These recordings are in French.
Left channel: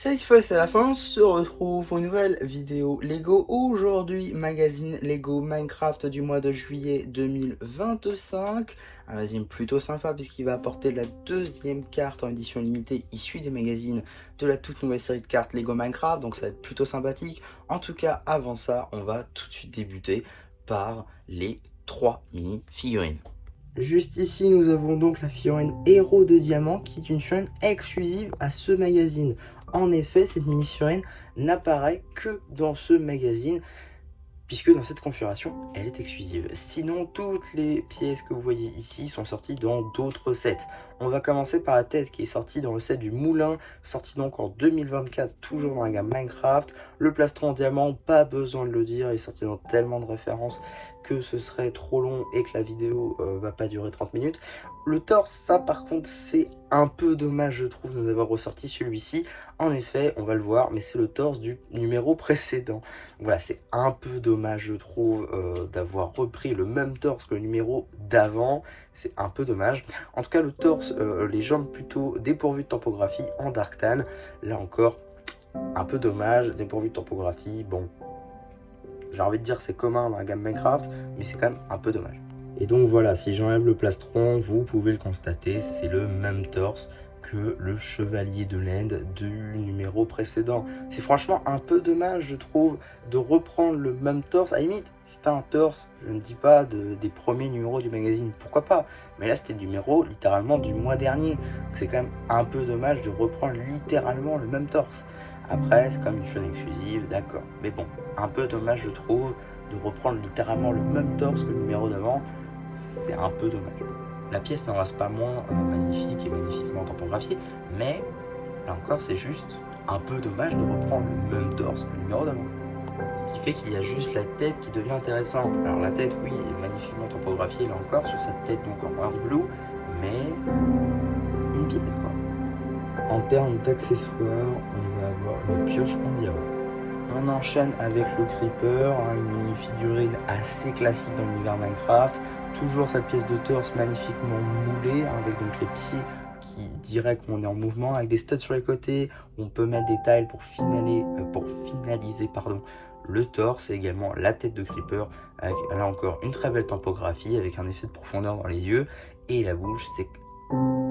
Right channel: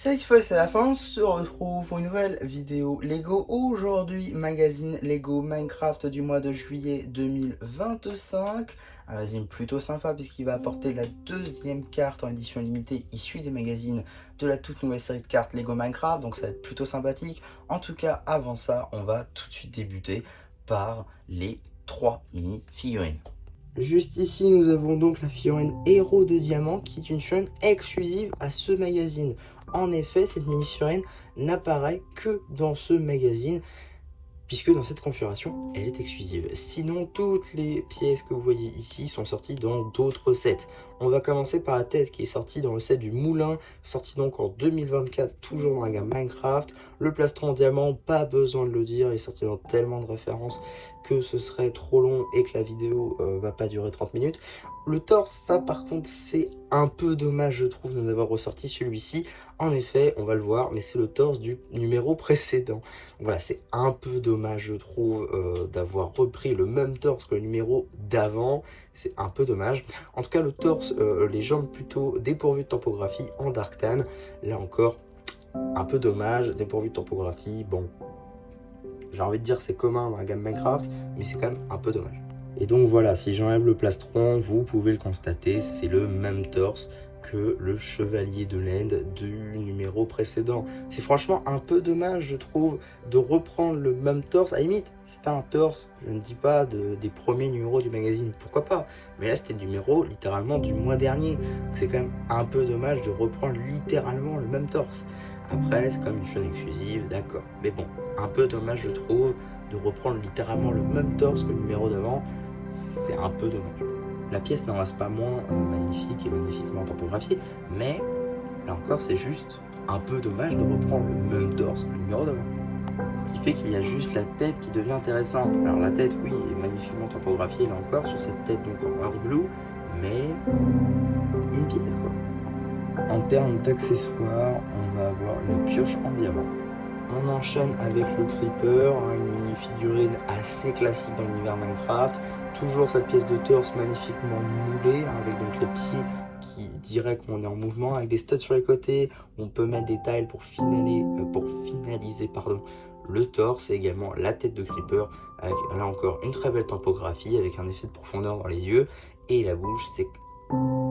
Cette fois c'est la fin, on se retrouve pour une nouvelle vidéo Lego. Aujourd'hui, magazine Lego Minecraft du mois de juillet 2025. Un magazine plutôt sympa puisqu'il va apporter la deuxième carte en édition limitée issue des magazines de la toute nouvelle série de cartes Lego Minecraft. Donc ça va être plutôt sympathique. En tout cas, avant ça, on va tout de suite débuter par les 3 mini-figurines. Juste ici, nous avons donc la figurine Héros de Diamant qui est une figurine exclusive à ce magazine. En effet, cette mini-figurine n'apparaît que dans ce magazine, puisque dans cette configuration, elle est exclusive. Sinon, toutes les pièces que vous voyez ici sont sorties dans d'autres sets. On va commencer par la tête qui est sortie dans le set du Moulin, sorti donc en 2024, toujours dans la gamme Minecraft. Le plastron en diamant, pas besoin de le dire, il est sorti dans tellement de références que ce serait trop long et que la vidéo va pas durer 30 minutes. Le torse, ça par contre, c'est un peu dommage, je trouve, de nous avoir ressorti celui-ci. En effet, on va le voir, mais c'est le torse du numéro précédent. Voilà, c'est un peu dommage, je trouve, d'avoir repris le même torse que le numéro d'avant. C'est un peu dommage. En tout cas, le torse, les jambes plutôt dépourvues de topographie en Dark Tan. Là encore, un peu dommage, dépourvu de topographie. Bon, j'ai envie de dire c'est commun dans la gamme Minecraft, mais c'est quand même un peu dommage. Et donc voilà, si j'enlève le plastron, vous pouvez le constater, c'est le même torse que le chevalier de l'Inde du numéro précédent. C'est franchement un peu dommage, je trouve, de reprendre le même torse. À la limite, c'était un torse, je ne dis pas des premiers numéros du magazine, pourquoi pas. Mais là, c'était le numéro littéralement du mois dernier. C'est quand même un peu dommage de reprendre littéralement le même torse. Après, c'est comme une chaîne exclusive, d'accord. Mais bon, un peu dommage, je trouve, de reprendre littéralement le même torse que le numéro d'avant. C'est un peu dommage. La pièce n'en reste pas moins magnifique et magnifiquement topographiée, mais là encore, c'est juste un peu dommage de reprendre le même torse que le numéro d'avant. Ce qui fait qu'il y a juste la tête qui devient intéressante. Alors la tête, oui, est magnifiquement topographiée, là encore, sur cette tête donc en earth blue, mais une pièce, quoi. En termes d'accessoires, on va avoir une pioche en diamant. On enchaîne avec le Creeper, une mini-figurine assez classique dans l'univers Minecraft. Toujours cette pièce de torse magnifiquement moulée, avec donc les pieds qui diraient qu'on est en mouvement, avec des studs sur les côtés. On peut mettre des tiles pour finaliser le torse et également la tête de Creeper, avec là encore une très belle topographie, avec un effet de profondeur dans les yeux. Et la bouche,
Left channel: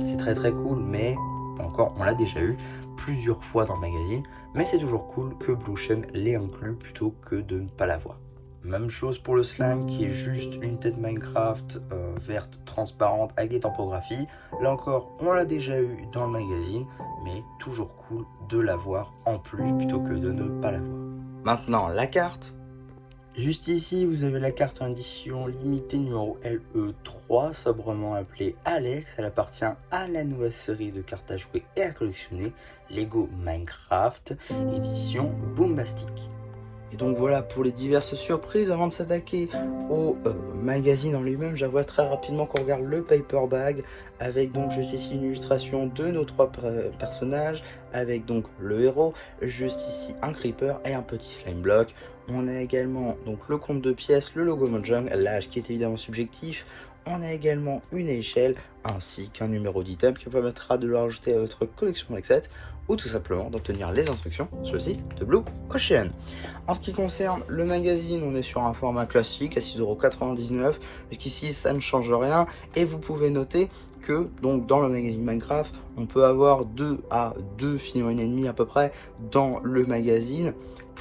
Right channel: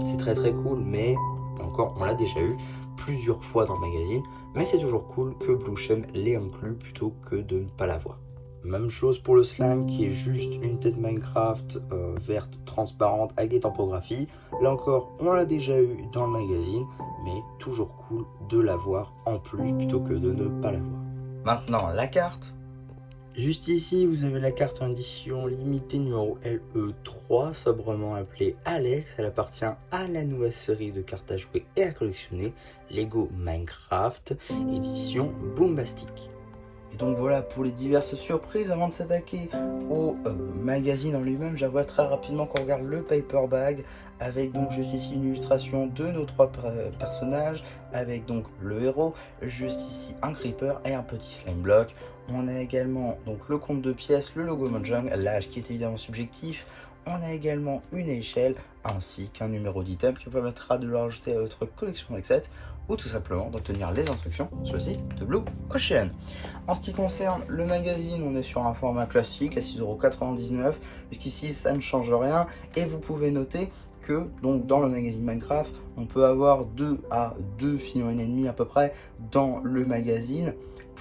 c'est très très cool, mais encore, on l'a déjà eu plusieurs fois dans le magazine. Mais c'est toujours cool que Blue Chain l'ait inclus plutôt que de ne pas l'avoir. Même chose pour le slime qui est juste une tête Minecraft verte transparente avec des topographies. Là encore, on l'a déjà eu dans le magazine, mais toujours cool de l'avoir en plus plutôt que de ne pas l'avoir. Maintenant, la carte. Juste ici, vous avez la carte en édition limitée numéro LE3, sobrement appelée Alex. Elle appartient à la nouvelle série de cartes à jouer et à collectionner, Lego Minecraft, édition Boombastic. Et donc voilà pour les diverses surprises. Avant de s'attaquer au magazine en lui-même, j'avoue très rapidement qu'on regarde le paper bag avec donc juste ici une illustration de nos trois personnages, avec donc le héros, juste ici un creeper et un petit slime block. On a également donc le compte de pièces, le logo Mojang, l'âge qui est évidemment subjectif. On a également une échelle ainsi qu'un numéro d'item qui vous permettra de le rajouter à votre collection d'Excel ou tout simplement d'obtenir les instructions sur le site de Blue Ocean. En ce qui concerne le magazine, on est sur un format classique à 6,99 €. Jusqu'ici, ça ne change rien. Et vous pouvez noter que donc, dans le magazine Minecraft, on peut avoir 2 à 2 figurines et demie à peu près dans le magazine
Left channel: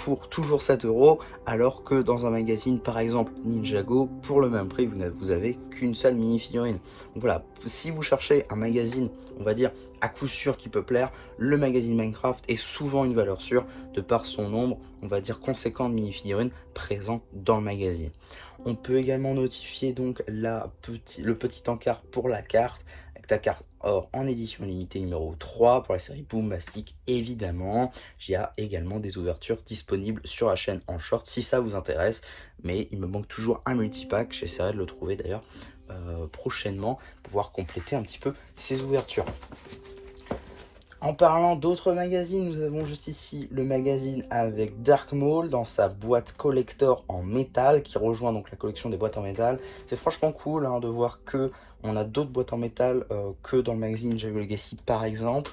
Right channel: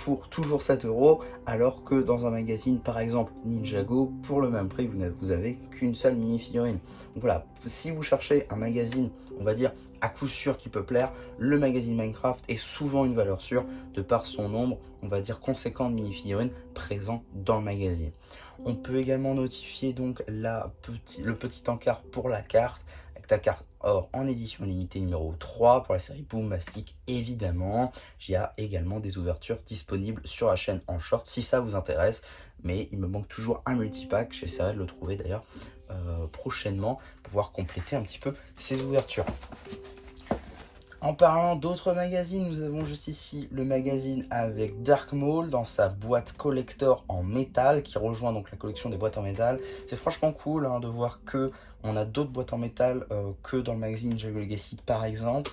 pour toujours 7 €, alors que dans un magazine par exemple Ninjago, pour le même prix, vous avez qu'une seule mini-figurine. Donc voilà, si vous cherchez un magazine, on va dire à coup sûr qui peut plaire, le magazine Minecraft est souvent une valeur sûre de par son nombre, on va dire conséquent de mini-figurines présents dans le magazine. On peut également notifier donc le petit encart pour la carte, avec la carte or en édition limitée numéro 3 pour la série Boombastic évidemment. Il y a également des ouvertures disponibles sur la chaîne en short si ça vous intéresse, mais il me manque toujours un multipack, j'essaierai de le trouver d'ailleurs prochainement pour pouvoir compléter un petit peu ces ouvertures. En parlant d'autres magazines, nous avons juste ici le magazine avec Dark Maul dans sa boîte collector en métal qui rejoint donc la collection des boîtes en métal. C'est franchement cool de voir que on a d'autres boîtes en métal que dans le magazine Ninjago Legacy par exemple.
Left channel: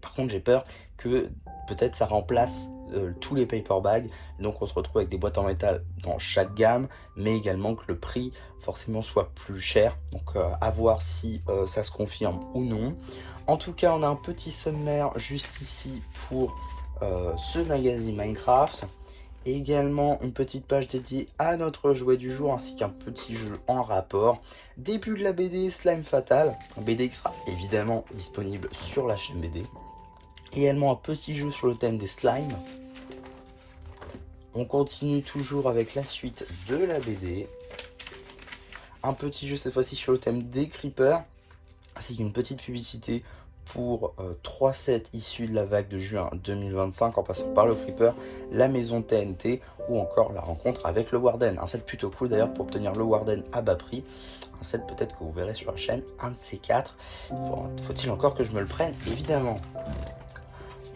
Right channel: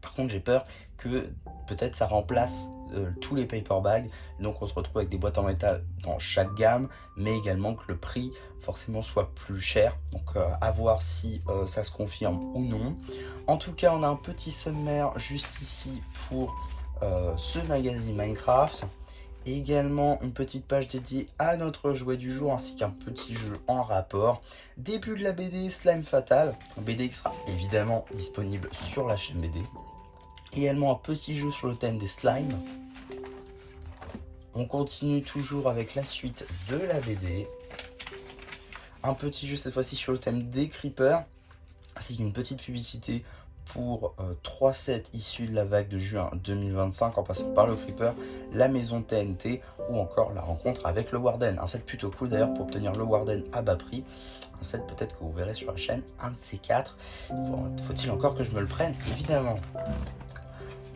Par contre j'ai peur que peut-être ça remplace tous les paper bags, donc on se retrouve avec des boîtes en métal dans chaque gamme, mais également que le prix forcément soit plus cher, donc à voir si ça se confirme ou non. En tout cas, on a un petit sommaire juste ici pour ce magazine Minecraft. Et également une petite page dédiée à notre jouet du jour ainsi qu'un petit jeu en rapport. Début de la BD Slime Fatal, BD qui sera évidemment disponible sur la chaîne BD. Également un petit jeu sur le thème des slimes. On continue toujours avec la suite de la BD. Un petit jeu cette fois-ci sur le thème des creepers, ainsi qu'une petite publicité pour 3 sets issus de la vague de juin 2025 en passant par le Creeper, la maison TNT ou encore la rencontre avec le Warden. Un set plutôt cool d'ailleurs pour obtenir le Warden à bas prix. Un set peut-être que vous verrez sur la chaîne, un de ces 4. Faut-il encore que je me le prenne? Évidemment.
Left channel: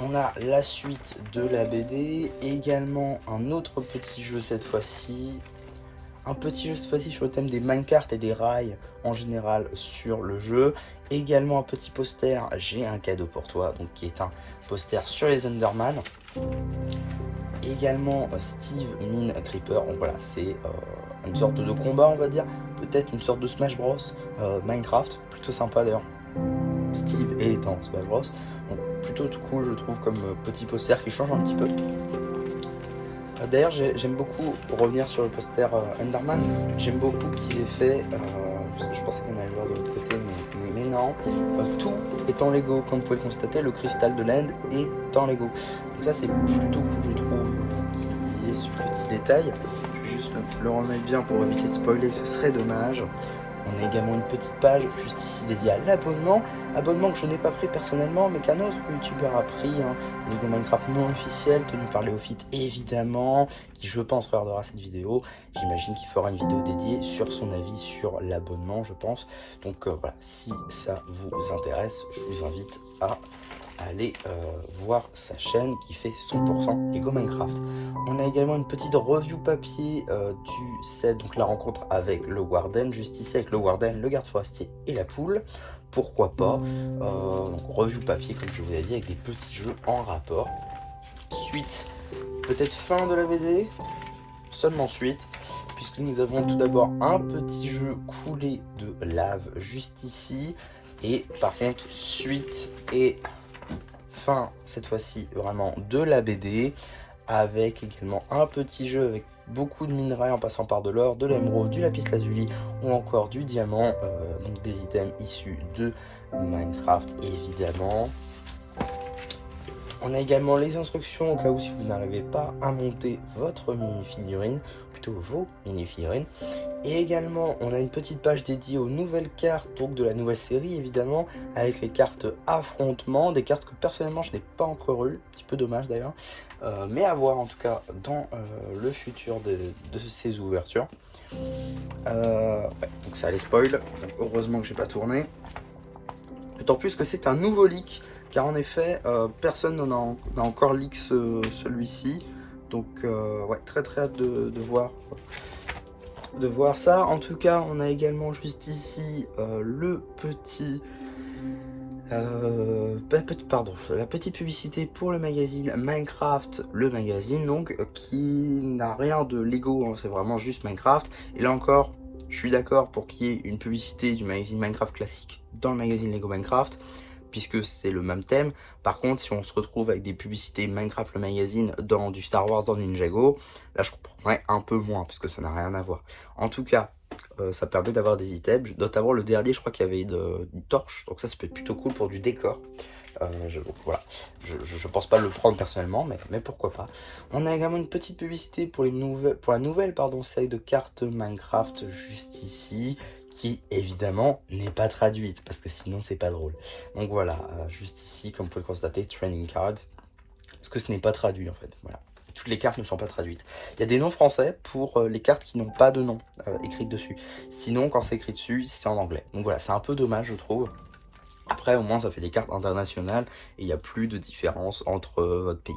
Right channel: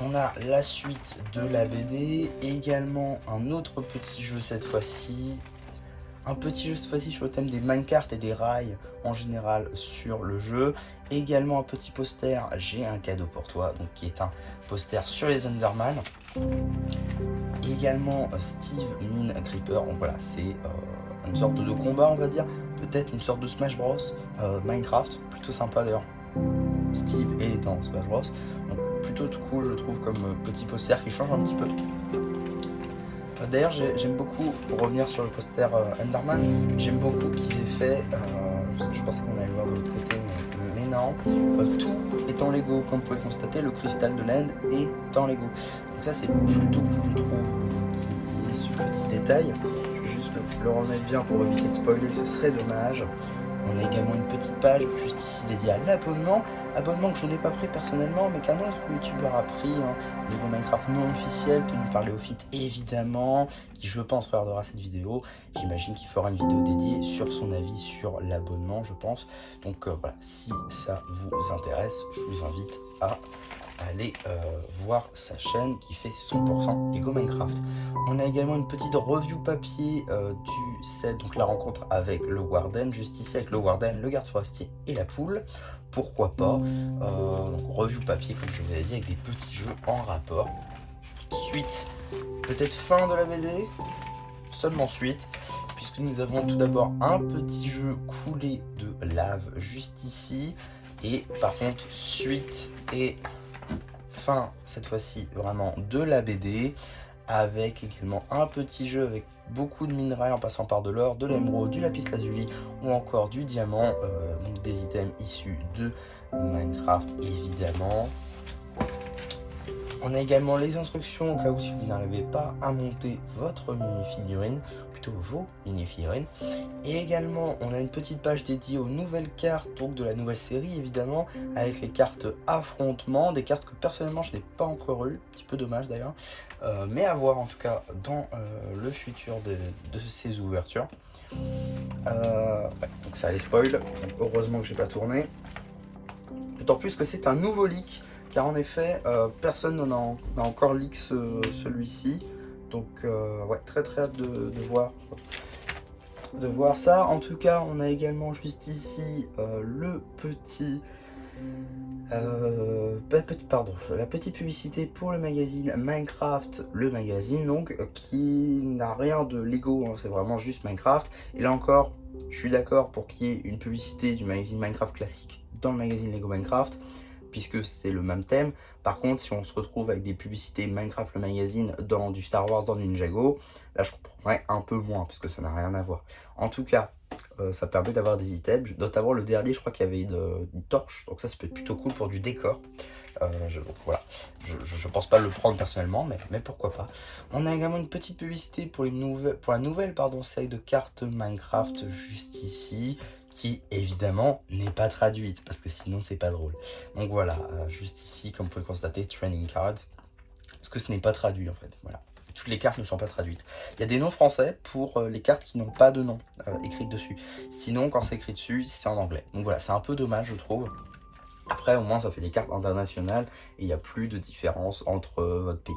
On a la suite de la BD, également un autre petit jeu cette fois-ci. Un petit jeu cette fois-ci sur le thème des minecarts et des rails en général sur le jeu. Également un petit poster, j'ai un cadeau pour toi, donc qui est un poster sur les Enderman. Également Steve Mine Creeper, donc voilà, c'est une sorte de combat on va dire, peut-être une sorte de Smash Bros Minecraft, plutôt sympa d'ailleurs. Steve est dans Smash Bros, donc plutôt tout cool je trouve comme petit poster qui change un petit peu. D'ailleurs j'aime beaucoup, pour revenir sur le poster Enderman, j'aime beaucoup qu'ils aient fait, je pensais qu'on allait le voir de l'autre côté mais non, tout est en Lego, comme vous pouvez constater le cristal de l'End est en Lego. Donc ça c'est plutôt cool je trouve, qu'il y ait ce petit détail. Je vais juste le remettre bien pour éviter de spoiler, ce serait dommage. On a également une petite page juste ici dédiée à l'abonnement. Abonnement que je n'ai pas pris personnellement, mais qu'un autre youtubeur a pris. Lego Minecraft non officiel, tenu par Léofite évidemment, qui je pense regardera cette vidéo. J'imagine qu'il fera une vidéo dédiée sur son avis sur l'abonnement, je pense. Donc voilà, si ça vous intéresse, je vous invite à aller voir sa chaîne qui fait 100% Lego Minecraft. On a également une petite review papier du set, donc la rencontre avec le Warden, juste ici avec le Warden, le garde forestier et la poule. Pourquoi pas, review papier comme je vous l'ai dit, avec des petits jeux en rapport. Suite, peut-être fin de la BD, seulement suite, puisque nous avons tout d'abord un petit jeu coulé de lave juste ici, et par contre suite et fin cette fois-ci vraiment de la BD, avec également un petit jeu avec beaucoup de minerais en passant par de l'or, de l'émeraude, du lapis lazuli ou encore du diamant, donc des items issus de Minecraft évidemment. On a également les instructions au cas où si vous n'arrivez pas à monter votre mini-figurine, plutôt vos mini-figurines. Et également on a une petite page dédiée aux nouvelles cartes, donc de la nouvelle série évidemment, avec les cartes affrontement, des cartes que personnellement je n'ai pas encore eues, un petit peu dommage d'ailleurs, mais à voir en tout cas dans le futur de ces ouvertures. Donc ça allait spoil, heureusement que j'ai pas tourné. D'autant plus que c'est un nouveau leak, car en effet personne n'en a encore leak celui-ci. Donc ouais, très hâte de voir ça. En tout cas, on a également juste ici la petite publicité pour le magazine Minecraft, le magazine donc, qui n'a rien de Lego, hein, c'est vraiment juste Minecraft. Et là encore, je suis d'accord pour qu'il y ait une publicité du magazine Minecraft classique dans le magazine Lego Minecraft, puisque c'est le même thème. Par contre, si on se retrouve avec des publicités Minecraft le magazine dans du Star Wars, dans Ninjago, là je comprendrais un peu moins, parce que ça n'a rien à voir. En tout cas, ça permet d'avoir des items, notamment le dernier, je crois qu'il y avait une torche, donc ça peut être plutôt cool pour du décor. Voilà, je pense pas le prendre personnellement, mais pourquoi pas. On a également une petite publicité pour la nouvelle série de cartes Minecraft juste ici, qui évidemment n'est pas traduite parce que sinon c'est pas drôle. Donc voilà, juste ici comme vous pouvez le constater, training cards, parce que ce n'est pas traduit en fait. Voilà, toutes les cartes ne sont pas traduites. Il y a des noms français pour les cartes qui n'ont pas de nom écrit dessus. Sinon quand c'est écrit dessus c'est en anglais. Donc voilà, c'est un peu dommage je trouve. Après au moins ça fait des cartes internationales et il n'y a plus de différence entre votre pays.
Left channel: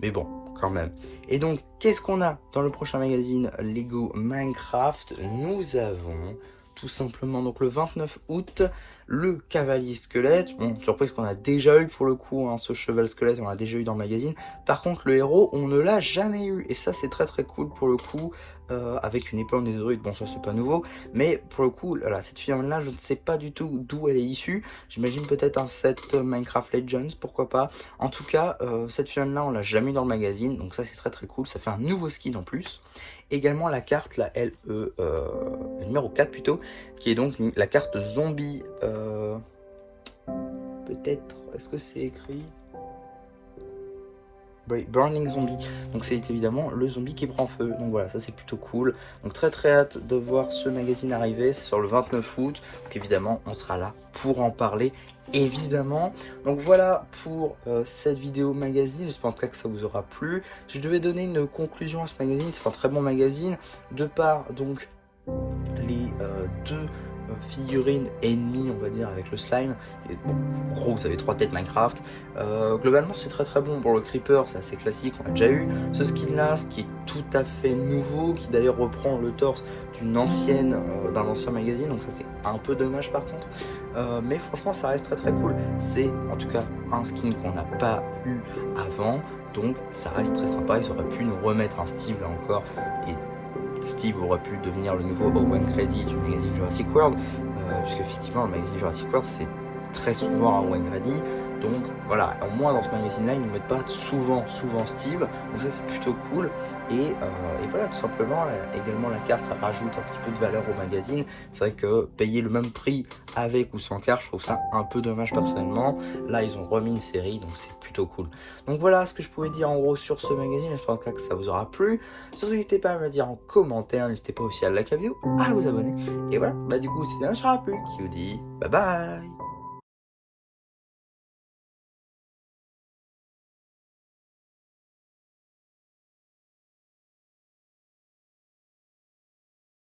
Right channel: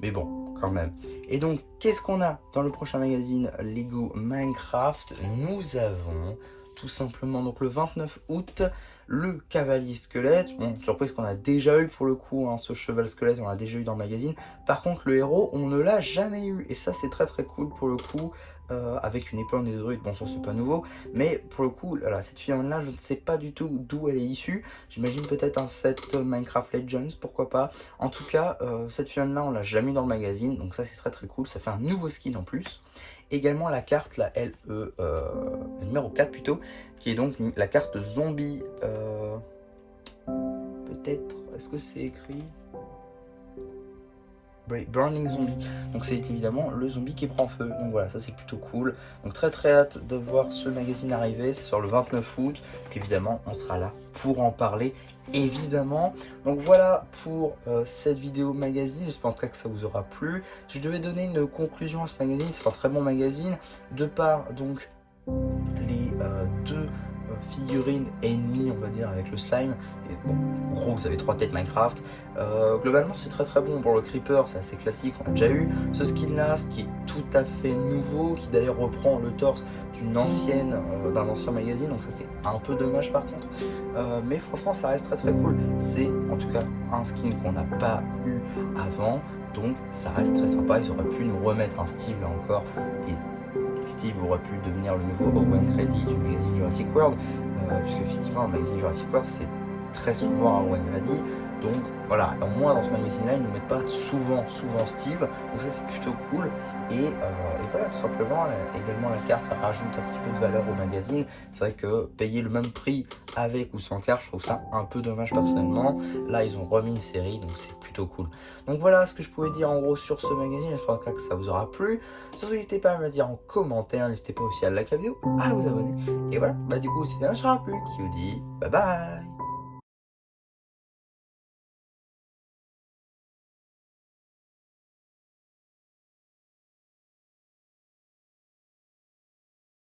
Mais bon, quand même. Et donc, qu'est-ce qu'on a dans le prochain magazine Lego Minecraft? Nous avons tout simplement. Donc le 29 août, le cavalier squelette, bon, surprise qu'on a déjà eu pour le coup, hein, ce cheval squelette, on l'a déjà eu dans le magazine. Par contre, le héros, on ne l'a jamais eu, et ça c'est très très cool pour le coup. Avec une épaule des druides, bon ça c'est pas nouveau, mais pour le coup, là, cette figurine là, je ne sais pas du tout d'où elle est issue. J'imagine peut-être un set Minecraft Legends, pourquoi pas. En tout cas, cette figurine là, on l'a jamais eu dans le magazine, donc ça c'est très très cool, ça fait un nouveau skin en plus. Également la carte, la LE, numéro 4 plutôt, qui est donc la carte zombie, peut-être, est-ce que c'est écrit Burning Zombie, donc c'est évidemment le zombie qui prend feu, donc voilà, ça c'est plutôt cool. Donc très très hâte de voir ce magazine arriver, c'est sur le 29 août, donc évidemment on sera là pour en parler, évidemment. Donc voilà pour cette vidéo magazine, j'espère en tout cas que ça vous aura plu. Je devais donner une conclusion à ce magazine, c'est un très bon magazine, de par donc les deux figurines ennemies, on va dire, avec le slime. Et bon, en gros, vous avez 3 têtes Minecraft. Globalement, c'est très très bon. Pour le creeper, c'est assez classique, on a déjà eu. Ce skin là, ce qui est tout à fait nouveau, qui d'ailleurs reprend le torse d'un ancien magazine, donc ça c'est un peu dommage par contre. Mais franchement, ça reste très très cool. C'est en tout cas un skin qu'on n'a pas eu avant, donc ça reste très sympa. Ils auraient pu nous remettre un Steve là encore. Et Steve aurait pu devenir le nouveau Open Credit du magazine Jurassic World, puisque effectivement le magazine Jurassic World c'est très souvent un Open Credit, donc voilà, au moins dans ce magazine là ils ne mettent pas souvent Steve, donc ça c'est plutôt cool, et voilà, tout simplement. Également la carte, ça rajoute un petit peu de valeur au magazine. C'est vrai que payer le même prix avec ou sans carte, je trouve ça un peu dommage personnellement. Là ils ont remis une série, donc c'est plutôt cool. Donc voilà ce que je pouvais dire en gros sur ce magazine, j'espère que ça vous aura plu. Surtout n'hésitez pas à me le dire en commentaire, n'hésitez pas aussi à liker la vidéo, à vous abonner. Et voilà, bah du coup c'était un Charapul qui vous dit bye bye.